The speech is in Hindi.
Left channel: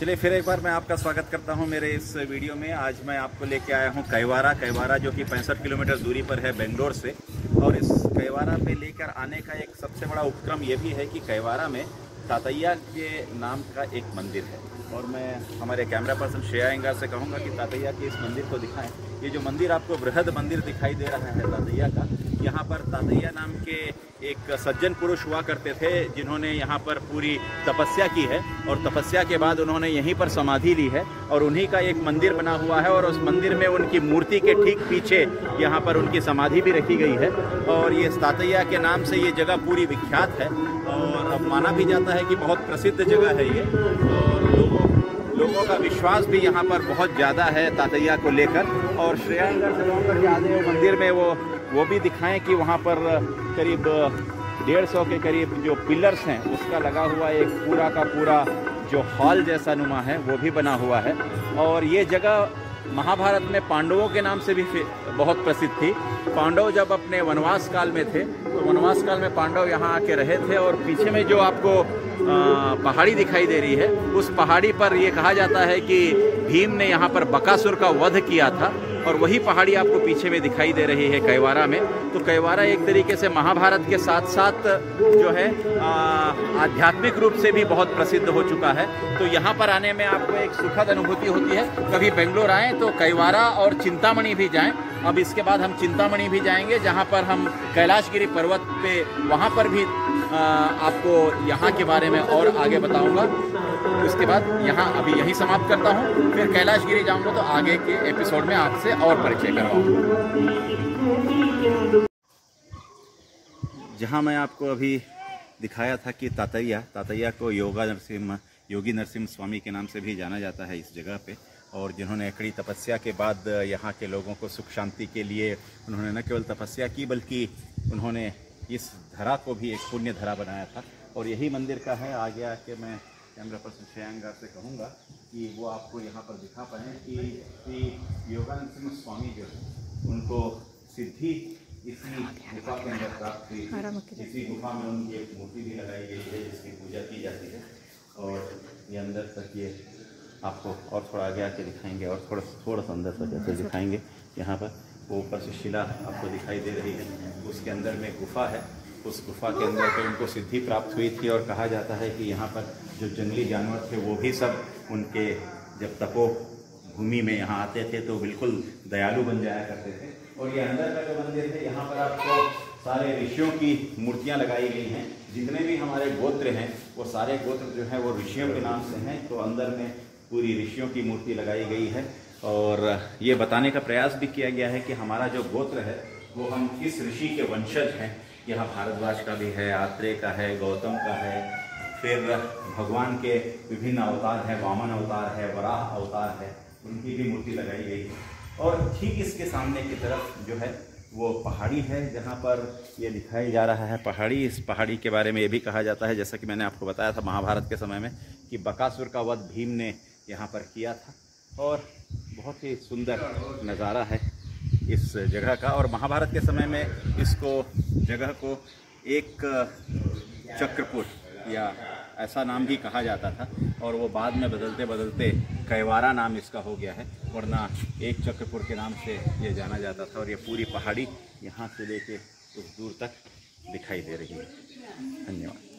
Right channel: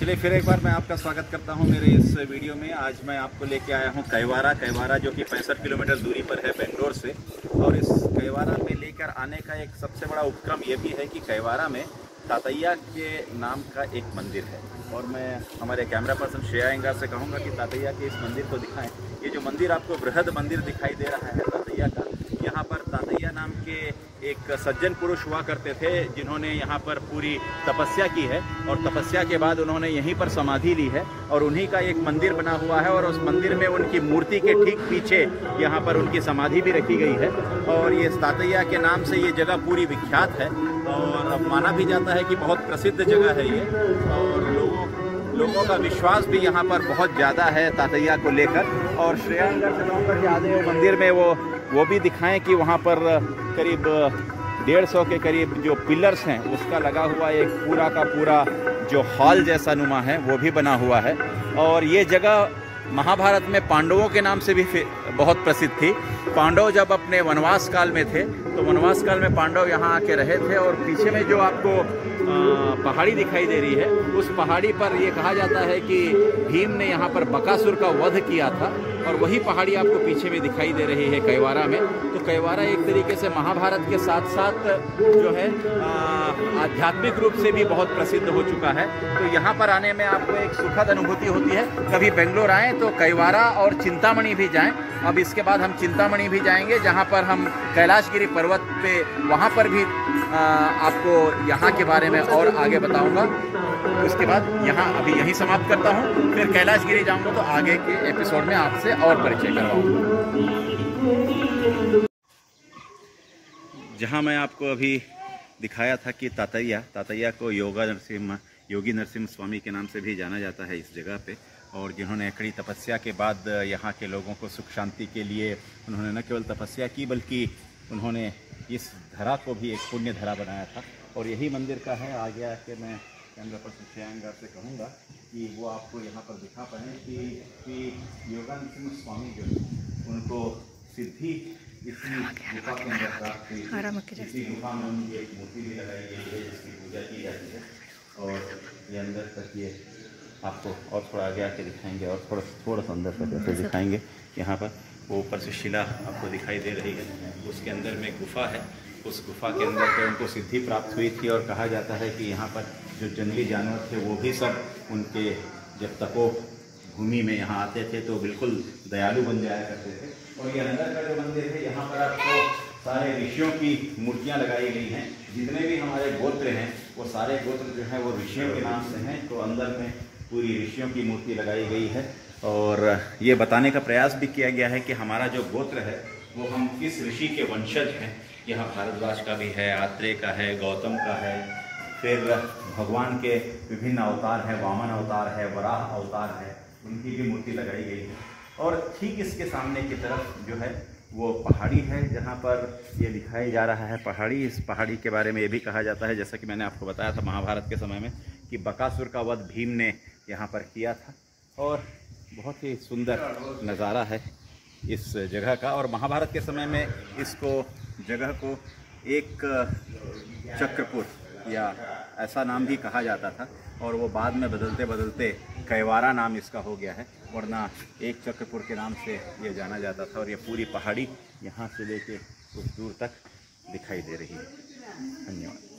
चलिए फिर एक बार मैं आपका स्वागत करता हूं मेरे इस वीडियो में। आज मैं आपको लेके आया हूं कैवारा जो कि 65 किलोमीटर दूरी पर है बेंगलोर से। और इस कैवारा पे लेकर आने का एक सबसे बड़ा उपक्रम ये भी है कि कैवारा में तातैया के नाम का एक मंदिर है। और मैं हमारे कैमरा पर्सन श्रेया अयंगार से कहूँगा कि तातैया के इस मंदिर को दिखाएं। ये जो मंदिर आपको बृहद मंदिर दिखाई दे रहा है तातैया का, यहाँ पर तातैया नाम के एक सज्जन पुरुष हुआ करते थे जिन्होंने यहाँ पर पूरी तपस्या की है और तपस्या के बाद उन्होंने यहीं पर समाधि ली है और उन्हीं का एक मंदिर बना हुआ है। और उस मंदिर में उनकी मूर्ति के ठीक पीछे यहाँ पर उनकी समाधि भी रखी गई है। और ये तातैया के नाम से ये जगह पूरी विख्यात है और माना भी जाता है कि बहुत प्रसिद्ध जगह है ये। और लोगों का विश्वास भी यहाँ पर बहुत ज़्यादा है तातैया को लेकर। और श्रेया अयंगार से कहूँगा कि आज वो मंदिर में वो भी दिखाएं कि वहाँ पर करीब 150 के करीब जो पिलर्स हैं उसका लगा हुआ एक पूरा का पूरा जो हॉल जैसा नुमा है वो भी बना हुआ है। और ये जगह महाभारत में पांडवों के नाम से भी बहुत प्रसिद्ध थी। पांडव जब अपने वनवास काल में थे तो वनवास काल में पांडव यहाँ आके रहे थे। और पीछे में जो आपको पहाड़ी दिखाई दे रही है उस पहाड़ी पर ये कहा जाता है कि भीम ने यहाँ पर बकासुर का वध किया था। और वही पहाड़ी आपको पीछे में दिखाई दे रही है कैवारा में। तो कैवारा एक तरीके से महाभारत के साथ साथ जो है आध्यात्मिक रूप से भी बहुत प्रसिद्ध हो चुका है। तो यहाँ पर आने में आपको एक सुखद अनुभूति होती है। कभी बेंगलोर आएँ तो कैवारा और चिंतामणि भी जाएं। अब इसके बाद हम चिंतामणि भी जाएंगे जहाँ पर हम कैलाशगिरी पर्वत पे वहाँ पर भी आपको यहाँ के बारे में और आगे बताऊंगा। उसके बाद यहाँ अभी यहीं समाप्त करता हूँ, फिर कैलाशगिरी जाऊंगा तो आगे के एपिसोड में आपसे और परिचय करवाऊंगा। जहाँ मैं आपको अभी दिखाया था कि तातैया को योगी नरसिम्हा स्वामी के नाम से भी जाना जाता है इस जगह पे। और जिन्होंने कड़ी तपस्या के बाद यहाँ के लोगों को सुख शांति के लिए उन्होंने न केवल तपस्या की बल्कि उन्होंने इस धरा को भी एक पुण्य धरा बनाया था। और यही मंदिर का है। आगे आके मैं कैमरा पर्सन श्रेया अयंगार से कहूँगा कि वो आपको यहाँ पर दिखा पाएँ कि योगी नरसिम्हा स्वामी जो उनको सिद्धि इसी गुफा के अंदर प्राप्त हुई। इसी गुफा में उनकी एक मूर्ति भी लगाई गई है जिसकी पूजा की जाती है। और ये अंदर तक ये आपको और थोड़ा आगे आके दिखाएंगे और थोड़ा सा अंदर तक ऐसे दिखाएंगे। यहाँ पर वो ऊपर से शिला आपको दिखाई दे रही है, उसके अंदर में गुफा है। उस गुफा के अंदर पे उनको सिद्धि प्राप्त हुई थी। और कहा जाता है कि यहाँ पर जो जंगली जानवर थे वो भी सब उनके जब तपो भूमि में यहाँ आते थे तो बिल्कुल दयालु बन जाया करते थे। और ये अंदर का जो मंदिर है यहाँ पर आपको सारे ऋषियों की मूर्तियाँ लगाई गई हैं। जितने भी हमारे गोत्र हैं वो सारे गोत्र जो हैं वो ऋषियों के नाम से हैं। तो अंदर में पूरी ऋषियों की मूर्ति लगाई गई है। और ये बताने का प्रयास भी किया गया है कि हमारा जो गोत्र है वो हम किस ऋषि के वंशज हैं। यहाँ भारद्वाज का भी है, आत्रेय का है, गौतम का है, फिर भगवान के विभिन्न अवतार हैं, वामन अवतार है, वराह अवतार है, उनकी भी मूर्ति लगाई गई है। और ठीक इसके सामने की तरफ जो है वो पहाड़ी है जहाँ पर ये दिखाई जा रहा है पहाड़ी। इस पहाड़ी के बारे में ये भी कहा जाता है, जैसा कि मैंने आपको बताया था महाभारत के समय में, कि बकासुर का वध भीम ने यहाँ पर किया था। और बहुत ही सुंदर नज़ारा है इस जगह का। और महाभारत के समय में इसको जगह को एक चक्रपुर या ऐसा नाम भी कहा जाता था। और वो बाद में बदलते बदलते कैवारा नाम इसका हो गया है, वरना एक चक्रपुर के नाम से ये जाना जाता था। और ये पूरी पहाड़ी यहाँ से लेके कुछ दूर तक दिखाई दे रही है। धन्यवाद।